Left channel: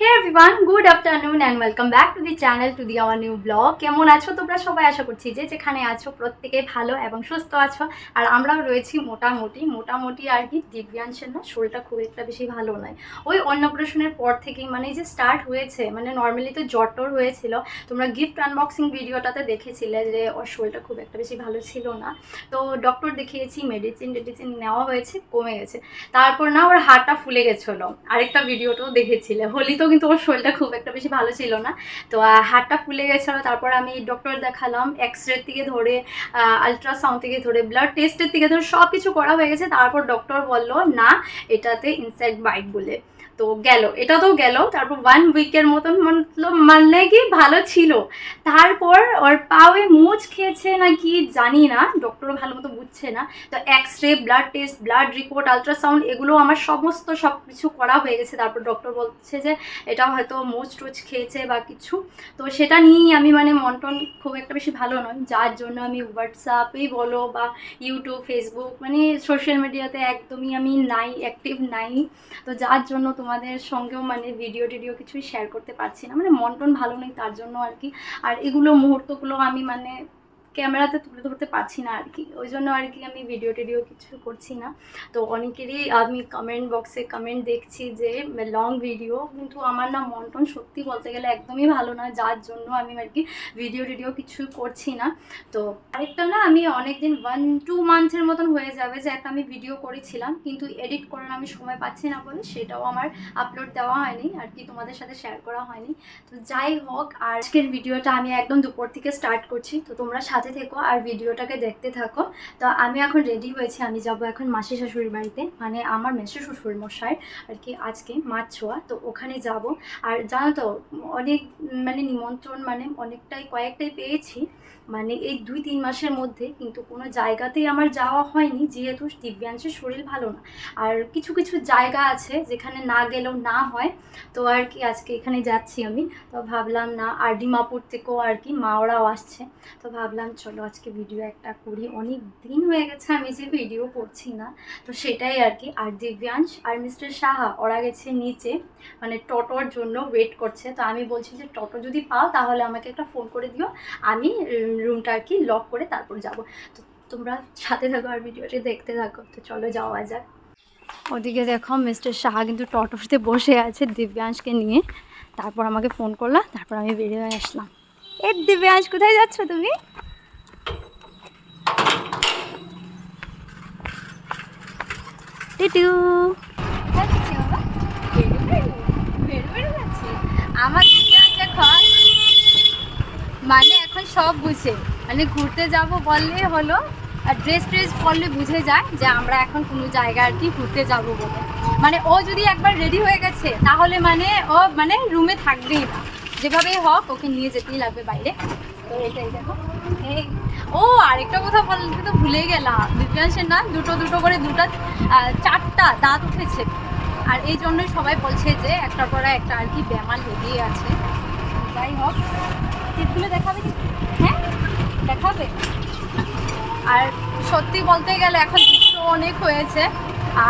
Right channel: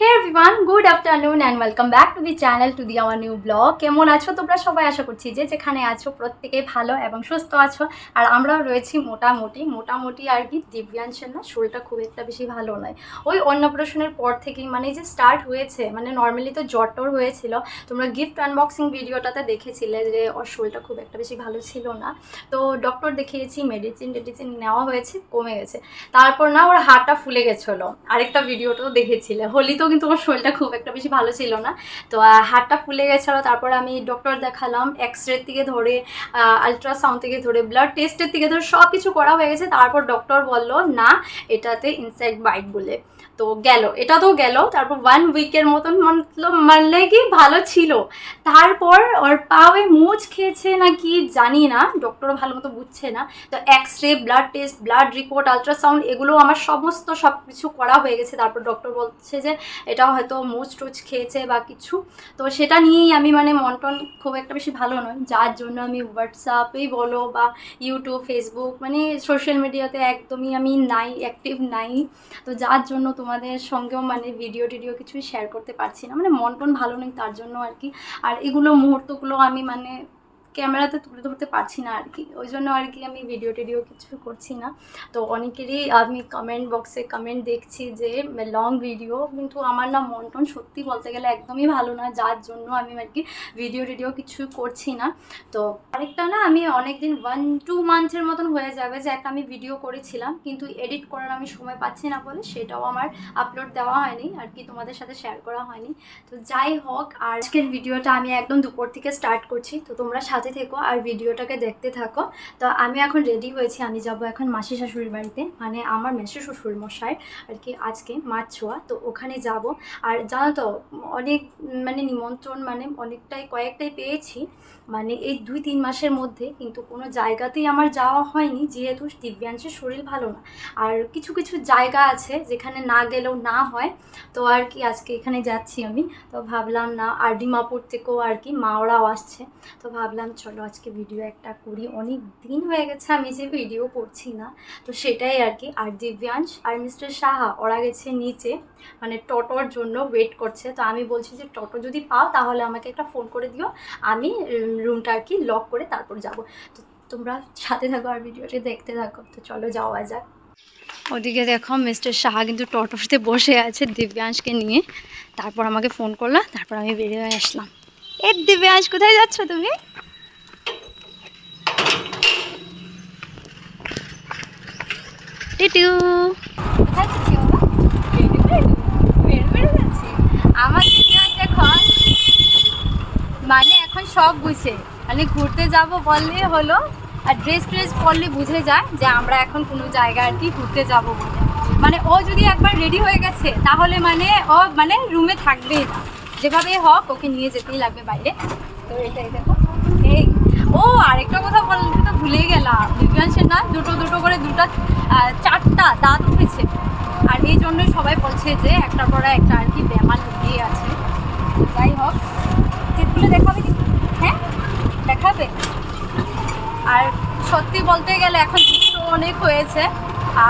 Hey everyone, good afternoon and welcome back to the channel to the our new vlog. কেমন আছো তোমরা সবাই? আশা করছি যে যেখানে আছো প্রত্যেকেই ভালো এবং সুস্থ আছো। আর আমরাও রয়েছি মোটামুটি আর কি। দিব্যাংশের না শরীরটা খুব একটা বেশি ভালো নয়। ওই অন্নপ্রাশনের পর থেকেই মানে যে স্টার্ট হয়েছে, মানে নর্মালি তো জ্বর হয়েছিল। তোমরা গিফট আনবক্সিং ভিডিওটাতে দেখেছিলে যে ওর শরীরটা খুব একটা বেশি ভালো ছিল না। তো ডক্টর দেখিয়েছি, মেডিসিন নেওয়া হয়েছে, কমে গেছে। তারপর না ওর হাতটা ফুলে গেছিলো, আরেকটা ভিডিওটাও দেখেছিলে। হোলি তো কিন্তু ওর শরীরটা খুব একটা বেশি ভালো ছিল না, তো হাতটা ফুলে গেছিলো। তারপর আমি ডক্টর দেখালাম, এক্সরে থেকে ধরে আলট্রাসাউন্ড থেকে ধরে ব্লাড টেস্টের থেকে ধরে সব কিছু করা হয়ে গেছে। তারপর ডক্টর বলল না, এটাতে ইনসেক্ট বাইট বলে। তো গেল, এটা তো গেল। তারপর 1 উইকের মতন মানে কি ভালো ছিল। তারপর ওর পাওয়ে মোচ খেয়েছে নাকি জানি না, ডক্টরও ভালো মতো বুঝছে না। তো X-ray, blood test, blood report, ultrasound এগুলো আমার সব কিছু করা হয়ে গেছে। তারপর ডক্টর বলছে যে এটা হয়তো মোচ টোচ খেয়েছে বা কিছু। তো সেটা নিয়েই আমি মানে মন খুব একটা বেশি ভালো নয়, যার জন্য আমি হোয়াটসঅ্যাপেই বলো বা ইউটিউব, ফেসবুক মানে সোশ্যাল মিডিয়াতে একদমই আমি নাই, অ্যাক্টিভ নাই। তো যার জন্য তোমাদের সঙ্গেও মানে ভিডিও কিছুই শেয়ার করতে পারছি না, মানে মন ভালো নেই তার জন্য আর কি। আর এগুলো মুহূর্তগুলো আমি মানে ক্যামেরাতে তুলে ধরতে পারছি না আর কি, ওই জন্য আর কি আমি ভিডিও কিছু করছি না। তো অনেকেরই আমি কমেন্ট বক্সে কমেন্ট দেখছি যে লং ভিডিও, কিন্তু আমার না মন সত্যি বলতে গেলে একদমই ভালো না, যার জন্য আমি আর কি ভিডিও কিছু করছি না। তো আরেকটা না, আমি অনেক দিন 1-2 মান্থের মতন হয়ে যাবে যে একটা আমি ভিডিও করেছিলাম, কিন্তু এডিট করার আমি সময় পাচ্ছি না বলে সেটাও আমার আপলোড দেওয়া হয়নি আর কি, তোমাদের সাথে শেয়ার করা হয়নি। তো যাই হোক, আজকের ভিডিওটা আমি একদম দুপুর থেকে স্টার্ট করছি, তো তোমরা সাথে থেকো আর ভিডিওটাকে দেখতে থাকো। তো আমি এখন রেডি হয়েছি, আমি যাব এখন মাসি শাশুড়ির বাড়িতে, মানে আমার মেসো শ্বশুর মশাই আর কি, আজকে মাছ ছোঁয়া, তো ওখানে যাব। আর জানো তো অনেক মানে নিমন্ত্রণ মানে কয়েকটাই পেয়েছি, মানে এই 2-3 মাসের মধ্যে, কিন্তু কোনো জায়গাতেই আমার যাওয়া হয়নি যেহেতু দিব্যাংশের শরীর ভালো না। আর কিছু জায়গা আছে যেখানে না গেলেও না হয়, তো আর কি আজকে এখানে যাচ্ছি আমি। তো ভাবলাম না, আর ডিমাপুর থেকেও আর কি মা ওরাও আসছে, তো ভাবলাম চলো আজকে ভিডিও একটা করি, অনেক দিন হয়ে গেছে আমি যে ভিডিও করছি না, তো সেটাই আর কি। আর দিব্যাংশ আর মিস্টার সাহা ওরা গেছে নিচে, মানে টোটোর জন্য ওয়েট করছে। তো আমি বলছি যে টোটো যদি পাও তাহলে আমাকে একটা ফোন করে দিও, আমি রুমটা আর কি লক করে তারপর যাব। তো তোমরা সাথে থাকো আর ভিডিওটি দেখতে থাকো। তো চলো যাওয়া যাক। ওদিকে দেখো মিস্টার সাহা কিন্তু টোটোতে বসে আছে দিব্যাংশকে নিয়ে, তারপর আমাকে ফোন করলো, তারপর আমি বেরিয়ে আসলাম। এ দিব্যাংশ, কোথায় যাচ্ছ তুমি? টিটু আমার দিব্যাংশ এখন মানে এখন সব বুঝে, মানে ঘুরতে যাব বললে হলো, আর ড্রেস পরলে বুঝে যায় যে আমরা এখন কোনো জায়গায় আর কি ঘুরতে যাব বলে। মানে ও যদি একবার রেডি হয়ে গেছে তাহলে মানে ও মানে রুমে থাকবেই না, যেভাবে হোক ওকে নিয়ে যেতেই লাগবে বাইরে। তো এটাই দেখো। এই ও আরেকটা কথা বলতে তো ভুলেই গেলাম, দিব্যাংশের না দুটো করে 4টা দাঁত উঠেছে, আর এই জন্যই সবাই বলছে যে একটার পর একটা আর কি বেমার লেগেই আছে। যাই হোক, চিত্রগুলো দেখাবে কি? হ্যাঁ দেখাবে। আর সত্যি বলতে গেলে এখন দুষ্ট অনেক হয়েছে,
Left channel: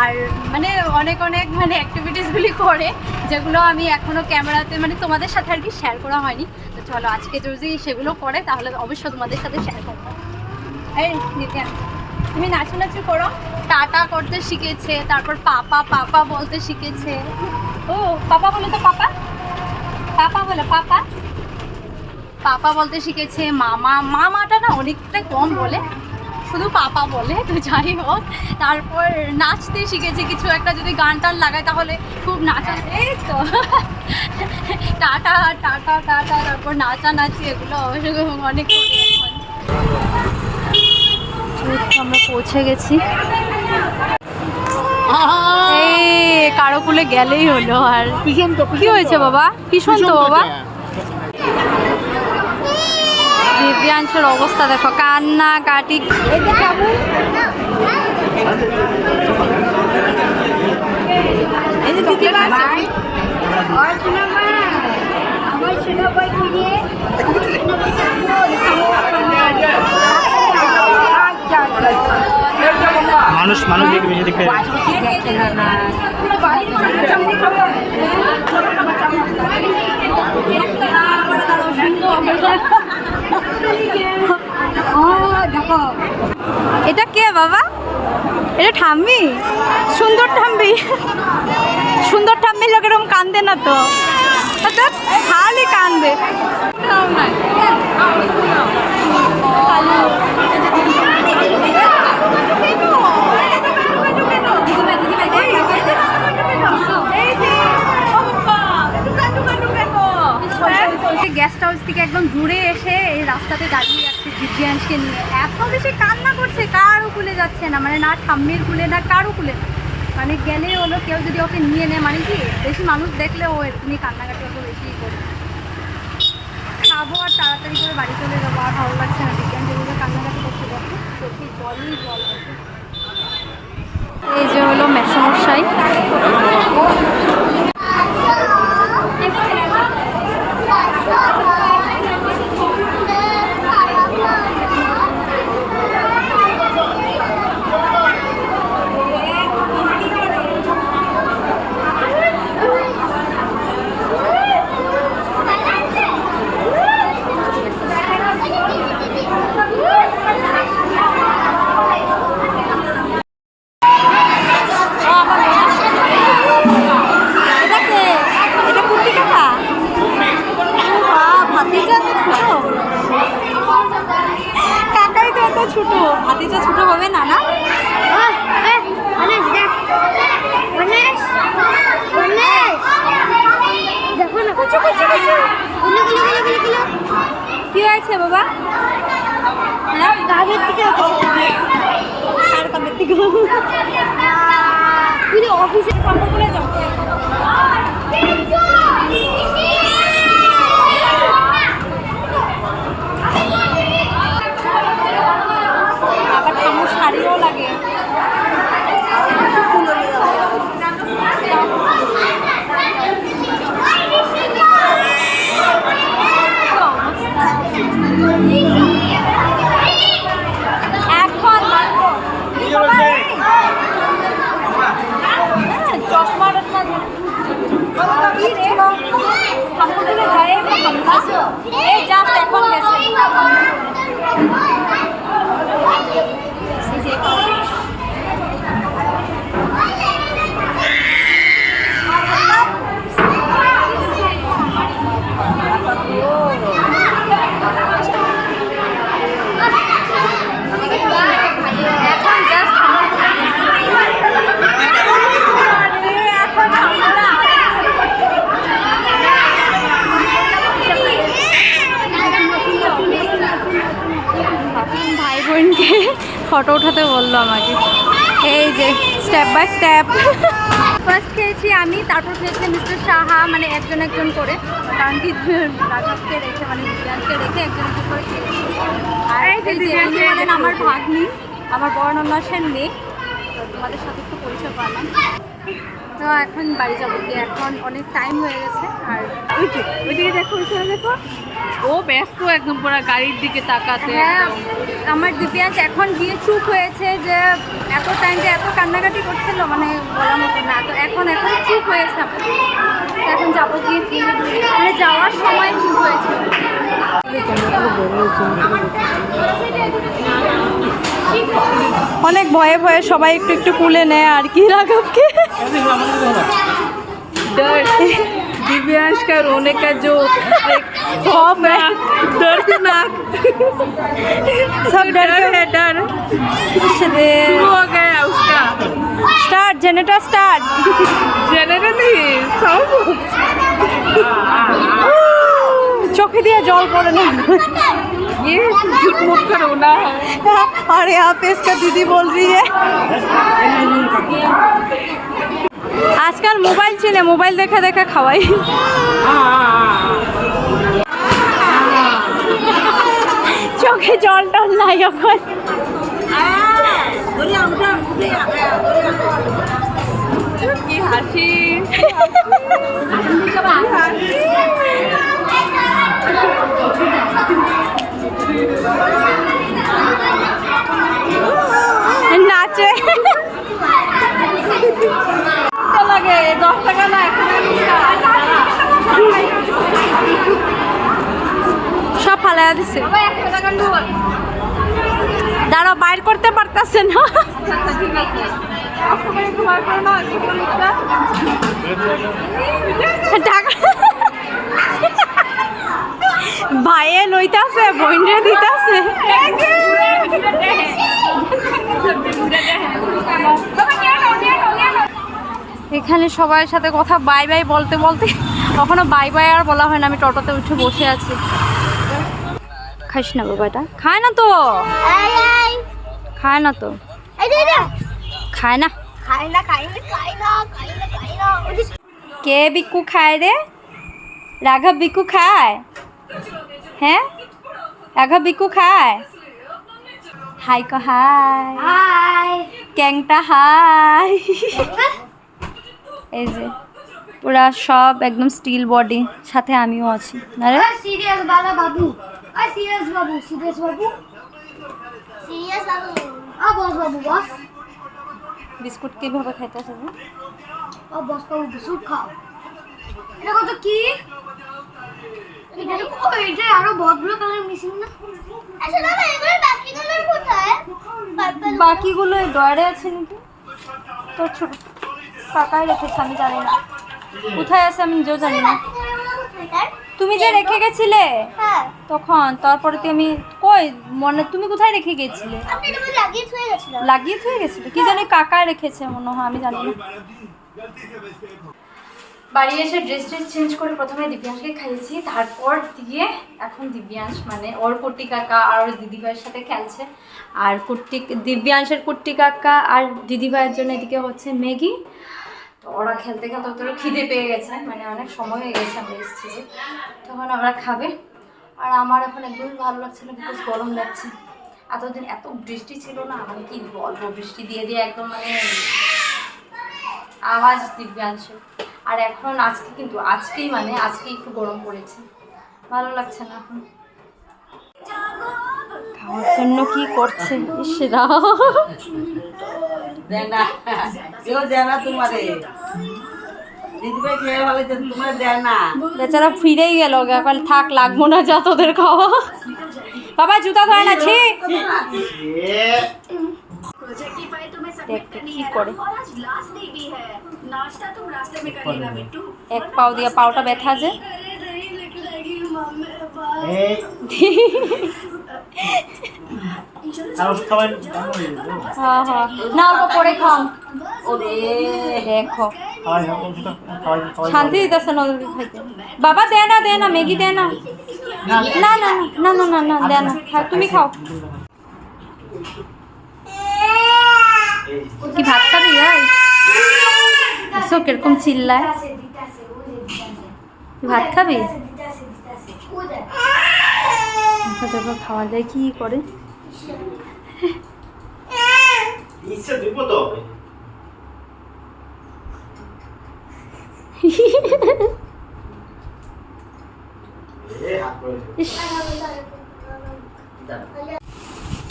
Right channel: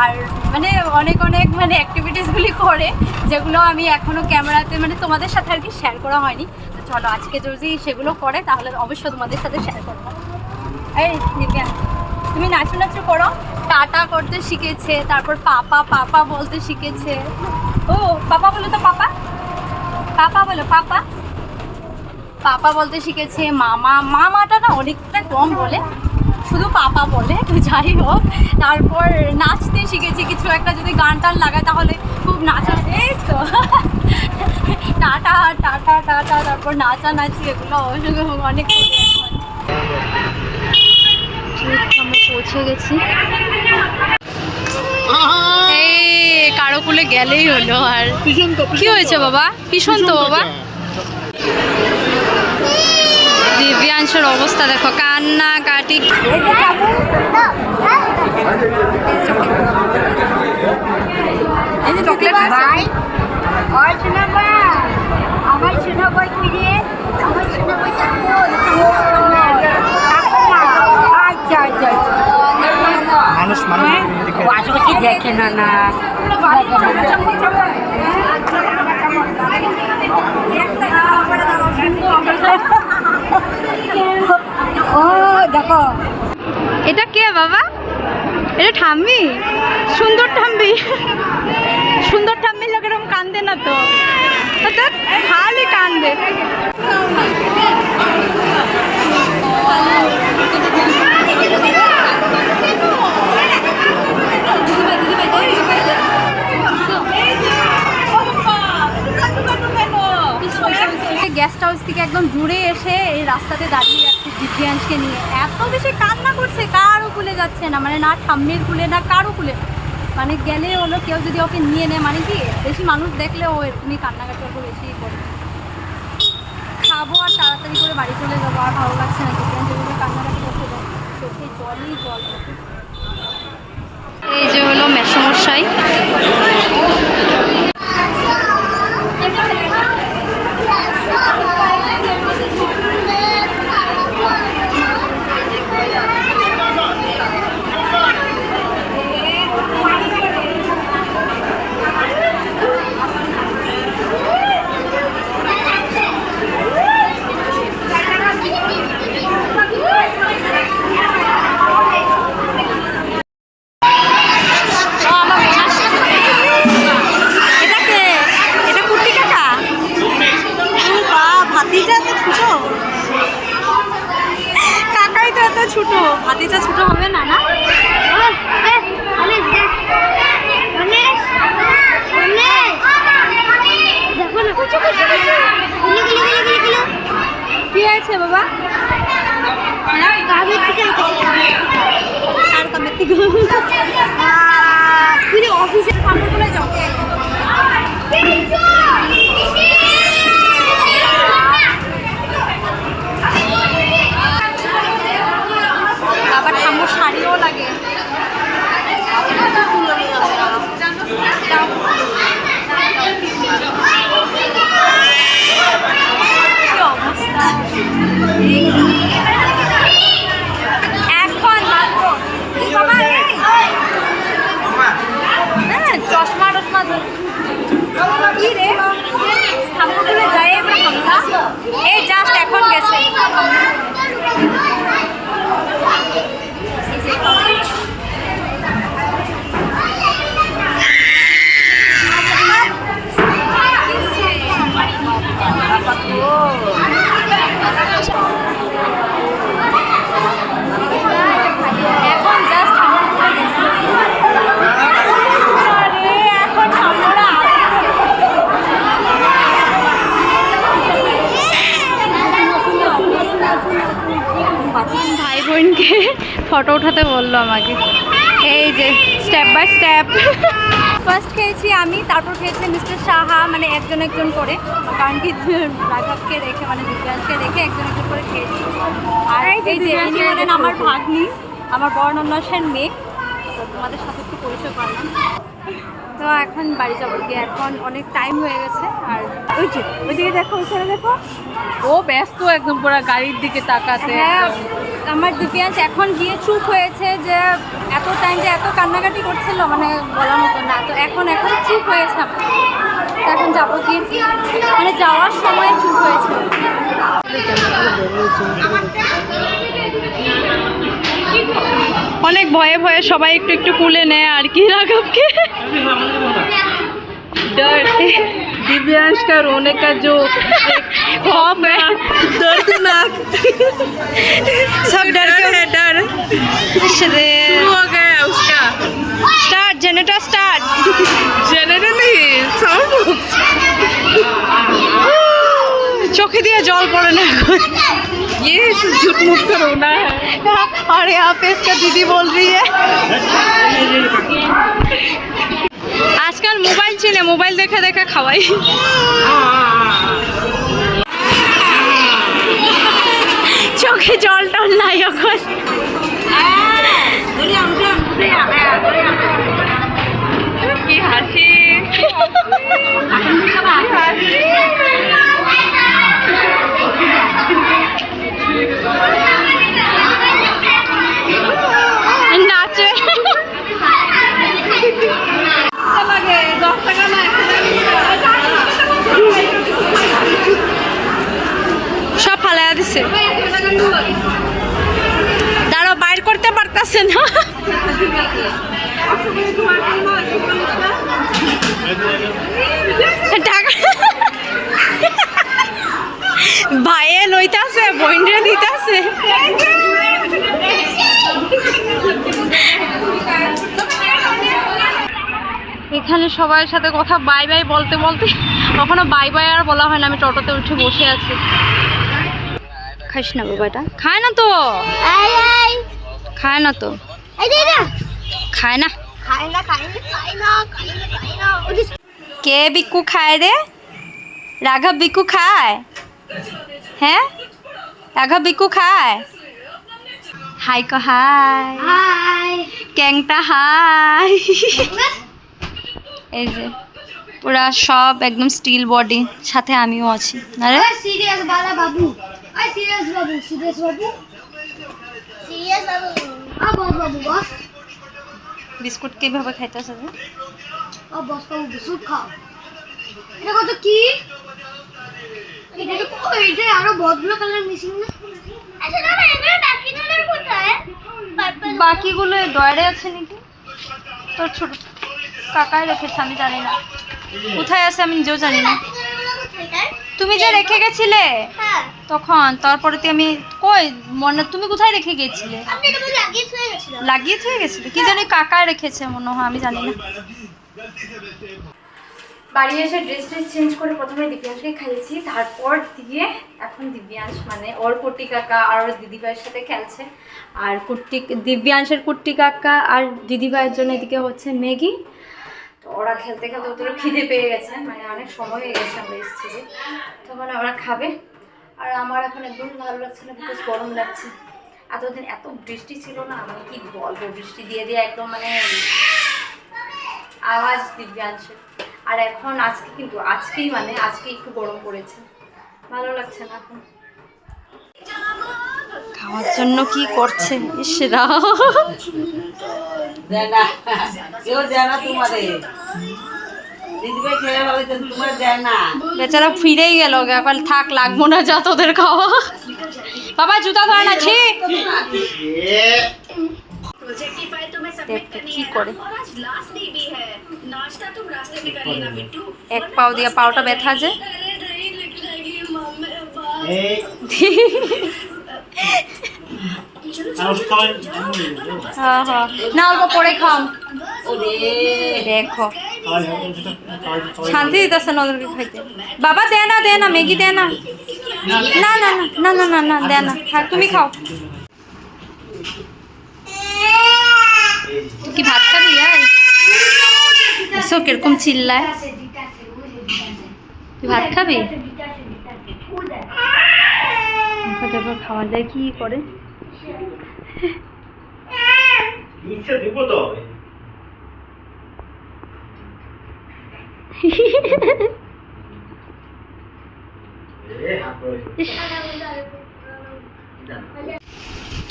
আর মানে অনেক মানে অ্যাক্টিভিটিসগুলি করে যেগুলো আমি এখনও ক্যামেরাতে মানে তোমাদের সাথে আর কি শেয়ার করা হয়নি। তো চলো আজকে যদি সেগুলো করে তাহলে অবশ্যই তোমাদের সাথে শেয়ার করবো। এই দিব্যাংশ, তুমি নাচু করো। টাটা করতে শিখেছে, তারপর পাপা বলতে শিখেছে। ও পাপা বলো তো, পাপা বলো, পাপা বলতে শিখেছে। মামাটা না অনেকটা কম বলে, শুধু পাপা বলে। তো যাই হোক, তারপর নাচতে শিখেছি, কিছু একটা যদি গান টান লাগায় তাহলে খুব নাচা। এই তো টাটা, তারপর নাচানাচি এগুলো অনেক করে। এখন আমরা পৌঁছে গেছি, এই কারো কুলে গেলেই হলো। আর কি হয়েছে বাবা? কিষণ তো বাবা। দিব্যাংশের অবস্থা দেখো, কান্নাকাটি। মানুষ দেখে এটা কে বাবা? এটা ঠাম্মি? সুন্দর ঠাম্মি? সুন্দর ঠাম্মি লোক এরকম কান্দে না তো, অর্থাৎ খালি কান্দে। গেস্ট হাউস থেকে একদম দূরে এসে এই রাস্তাতে দাঁড়িয়ে যাচ্ছে দিব্যাংশকে নিয়ে, এত বেশি কান্না করছে, কারও কুলে যাচ্ছে না, মানে না ঠাম্মির কুলে না কারও কুলে না, মানে গেলে হলো কেউ যদি ওকে নিয়ে নেয়, মানে কি বেশি মানুষ দেখলে ও এরকমই কান্নাকাটি অত বেশি করে। খাবো আর তাড়াতাড়ি করে বাড়ি চলে যাবো, আর ভালো লাগছে না দিব্যাংশ যেভাবে কান্নাকাটি করতে, দেখো চোখে জলই জল। এই যে হলো মেসমশাই, কাকাই তো এত ছোট, ভাতিজা ছোট হবে না? না দেখো না কি হয়েছে বাবা? হ্যাঁ কাবের থেকে আর কাবের থেকে অফিসের কাপড় বলে যাও। আবার ঠাম্মুর শাড়িও লাগে। এখন চশমা টশমা কি রে ঠাকুরগুলো যায় এই জাস্ট এখন গেছে। এখন জাস্ট এখন আমরা ভাই বোনকে ফটো উঠাতে বললো আমাকে, এই যে স্টেপ বাই স্টেপ। ফার্স্ট খেয়েছি আমি, তারপর খেয়েছি মিস্টার সাহা, মানে একজন একজন করে, কারণ কি রাঘবকে রেখে মানে দিব্যাংশকে রেখে একজন একজন করে খেয়েছি। আর এই যে হলেন আমার ভাগ্নি, আমার বর্ণনা সেন মেয়ে, তো তোমাদের সাথে একটু পরিচয় পালাম। তো এখন বাড়ি যাবো গিয়ে, এখন অনেক টাইম হয়ে গেছে। আর ওইদিকে দেখো, ওইখানে দেখো, ও ব্যস্ত একদম পুরো গাড়ির দিকে তাকাতে। হ্যাঁ আমার দিব্যাংশ এখন গিয়ে চুপ হয়েছে, যে এত টাইম যে এত কান্নাকাটি করছিল মানে বলার মতো না, তো এখন চুপ হয়েছে। তো এখন যাবো গিয়ে, মানে যাওয়ার সময় চুপ হয়েছে। অনেক ভয়ে ভয়ে সবাই একটু একটু কুলে নেয় আর কি রাঘবকে। डर दिव्यांश का रोने का जो खौफ है, दर्दनाक सब डर है, डर शुरू हो गया उसका। Start generator start. जनरेटर नहीं साउंड चोखे दिया जल पड़े ना। ये झूठ मूठ का रोना है। और यहाँ पे इसका दीदी बोल रही है आजकल मोबाइल चले, मोबाइल देखा देखा खावाई। चोखे जल टल নাই এখন। কি হাসি নাচে লাগে 10 টাকা না সব ফালাইয়া দিছে। দাঁড়াও বাইর করতে পারতেছে না। টাকা ভাইয়ে লইতাছে, বইনরে দিতাছে। এখানে সবার সাথে কথা বাই বাই বলতে বলতে কখনো বাই বাই আর বলা হয় না। আমি টোটোতে উঠে বসে আছি। খাইস না বাবাটা, খায় না তো, খায় না তো, খায় না। কে বিক্কু খায় রে? রাঘব বিক্কু খায়? হ্যাঁ, রাঘব বিক্কু খায়? হাই ক হাই, ক্যাংটা হাই। এই যে পুরা সব একদম স্টিল বডি, সাথে আমিও আছি। আরে serious Bala Babu, I serious Babu, serious Babu, serious Babu, boss Babu boss. Biscuit কিভাবে খাইতেছে? বস বাবু বিস্কুট খাও। এটা কত কি? এটা আরো বদগুলো কালার মিসিং না? আচ্ছা না, এগুলো বাকি কালার কোথায়? বাকিগুলো ডয়ারে আছে নাকি? তোর ছোট কাকাই রেখেছে, আমি জানি না কোথায় আছে, আমি নিজেও জানি না। তুমি যে রেখে গেছিলে তখন, তারপরে আমি কই মনে, তুমি কোথায় রেখে গেছিলে? লাগিয়ে থুয়ে গেছিলে কি জানি, কাকা রেখেছে মনে হয়, আমি জানি না। বাড়ি এসে ড্রেস চেঞ্জ করে প্রথমে দিব্যাংশকে খাইয়েছি, তারপর দিয়ে এখন দিব্যাংশ মানে ওর কুট্টি কাকা আর ওর দিদিভাইয়ের সাথে খেলছে। আর দিব্যাংশের কুট্টি কাকা আর দিদিভাইয়ের জন্য এদিকে হচ্ছে ম্যাগি। তো ওরা খেলতে খেলতে ওদের খিদে পেয়ে গেছে, মানে অনেক সময় হয়ে গেছে আমরা এসেছি যে, তখন ওরা খাবে। আর আমার এখন একদমই ভালো লাগছে না, বিকজ গরম লাগছে। এতদিন এত বৃষ্টি ছিল না, মানে কি বলবো, বৃষ্টি দিয়ে দিয়ে একদম মানে আওয়াজ দিব্যাংশের। আর এখন আজকে কিন্তু আজকেই একটু গরম পড়েছে, ভালো লাগছে না এখন। খাওয়ার জন্য কি করছে ইসরা, বেচারা ফিরেই গেল, এখন থাক লাগবো না যা তোদের খাওয়া। বাবা জুতা ধরে না, ছি দেখতে কি করে। এক পাও দিয়া পাওটা ব্যথা যে। হ্যাঁ হ্যাঁ, না অল্প পরে খাও। দেখো শান্তি দিতেছে না ওদেরকে খাইতে। বাবা দে না ম্যাগি দে না, না না না না না না দে না, তুমি খাও। কি ভাত খাবি? এসো কিরকম চিল্লায়, তুই ভাত খাবি? দেখো খাওয়া যায় কি করে।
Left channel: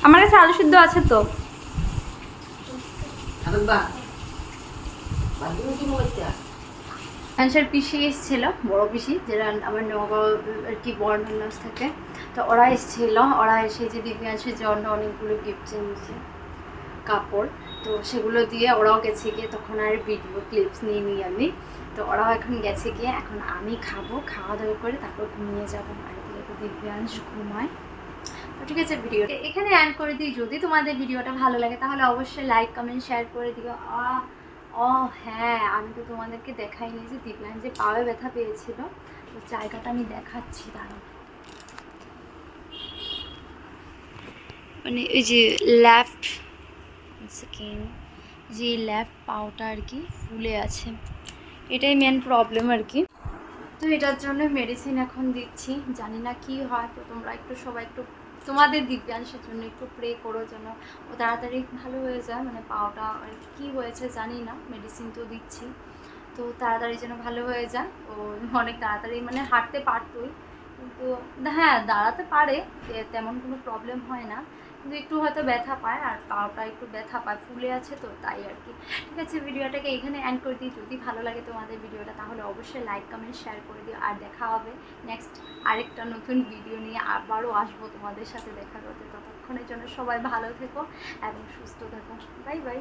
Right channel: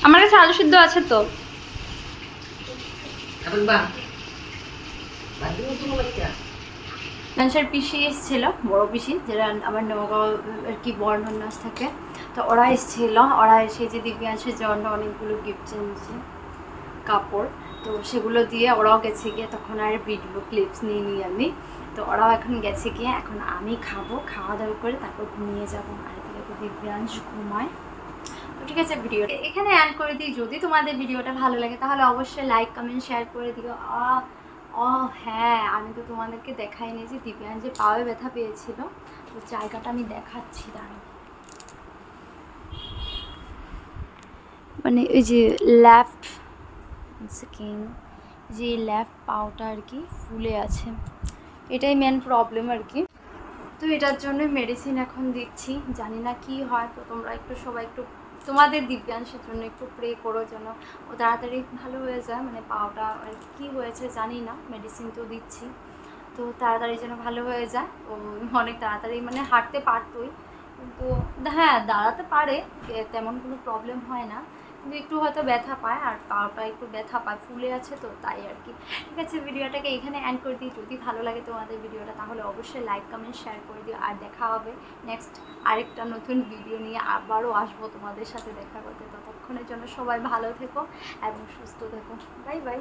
আমার কাছে আলু সিদ্ধ আছে তো। মানুষের পিসি এসেছিল, বড় পিসি, যেটা আমার নগাঁও আর কি বর্ণনাস থাকে। তো ওরা এসেছিল, ওরা এসে যে দিব্যাংশের জন্য অনেকগুলো গিফট এনেছে, কাপড়। তো সেগুলো দিয়ে ওরাও গেছে গিয়ে, তখন আর ভিডিও ক্লিপস নিই আমি। তো ওরাও এখন গেছে গিয়ে, এখন আমি খাবো, খাওয়া দাওয়া করে তারপর ঘুমিয়ে যাবো। আর দিব্যাংশ ঘুমায়। তো ঠিক আছে, ভিডিও এখানে এন্ড করে দিই। যদি তোমাদের ভিডিওটা ভালো লাগে তাহলে অবশ্যই লাইক কমেন্ট শেয়ার করে দিও। ও হ্যাঁ, আমি তো তোমাদেরকে দেখাইনি যে দিব্যাংশ যে পায়ে ব্যথা পেয়েছিল, তো জায়গাটা আমি দেখাচ্ছি। দাঁড়াও, মানে এই যে লেফট সেকেন্ড, যে লেফট পাওটা আর কি ফুলে আছে, এটাই মেন প্রবলেম আর কি। তো এটার জন্য মেডিসিন এখন দিচ্ছি, জানি না কি হয়। তো তোমরা একটু সবাই একটু তোমাদের দিব্যাংশের জন্য একটু প্রে করো যেন ও তাড়াতাড়ি ভালো হয়ে যায়। মানে পাওটা কি হয়েছে জানি না, মেডিসিন তো দিচ্ছি, তো তাড়াতাড়ি যেন ভালো হয়ে যায়। ও অনেক তাড়াতাড়ি মানে হাঁটতে পারতোই, কিন্তু হ্যাঁ দাঁড়াতে পারে, তেমন কোনো প্রবলেম হয় না, কিন্তু একটু হয়তো ব্যথা পায়, আর পাওটা একটু ব্যথা পায়, ফুলে আছে তো তাই আর কি। ঠিক আছে, ভিডিওটাকে এখানে এন্ড করে দিই। যদি ভালো লাগে তোমাদের ভিডিওটা তাহলে অবশ্যই লাইক কমেন্ট শেয়ার করে দিও। আর দেখা হবে নেক্সট আরেকটা নতুন ভিডিও নিয়ে, আবারও আসবো তোমাদের সাথে দেখা করতে। ততক্ষণের জন্য সবাই ভালো থেকো এবং সুস্থ থেকো। Bye bye.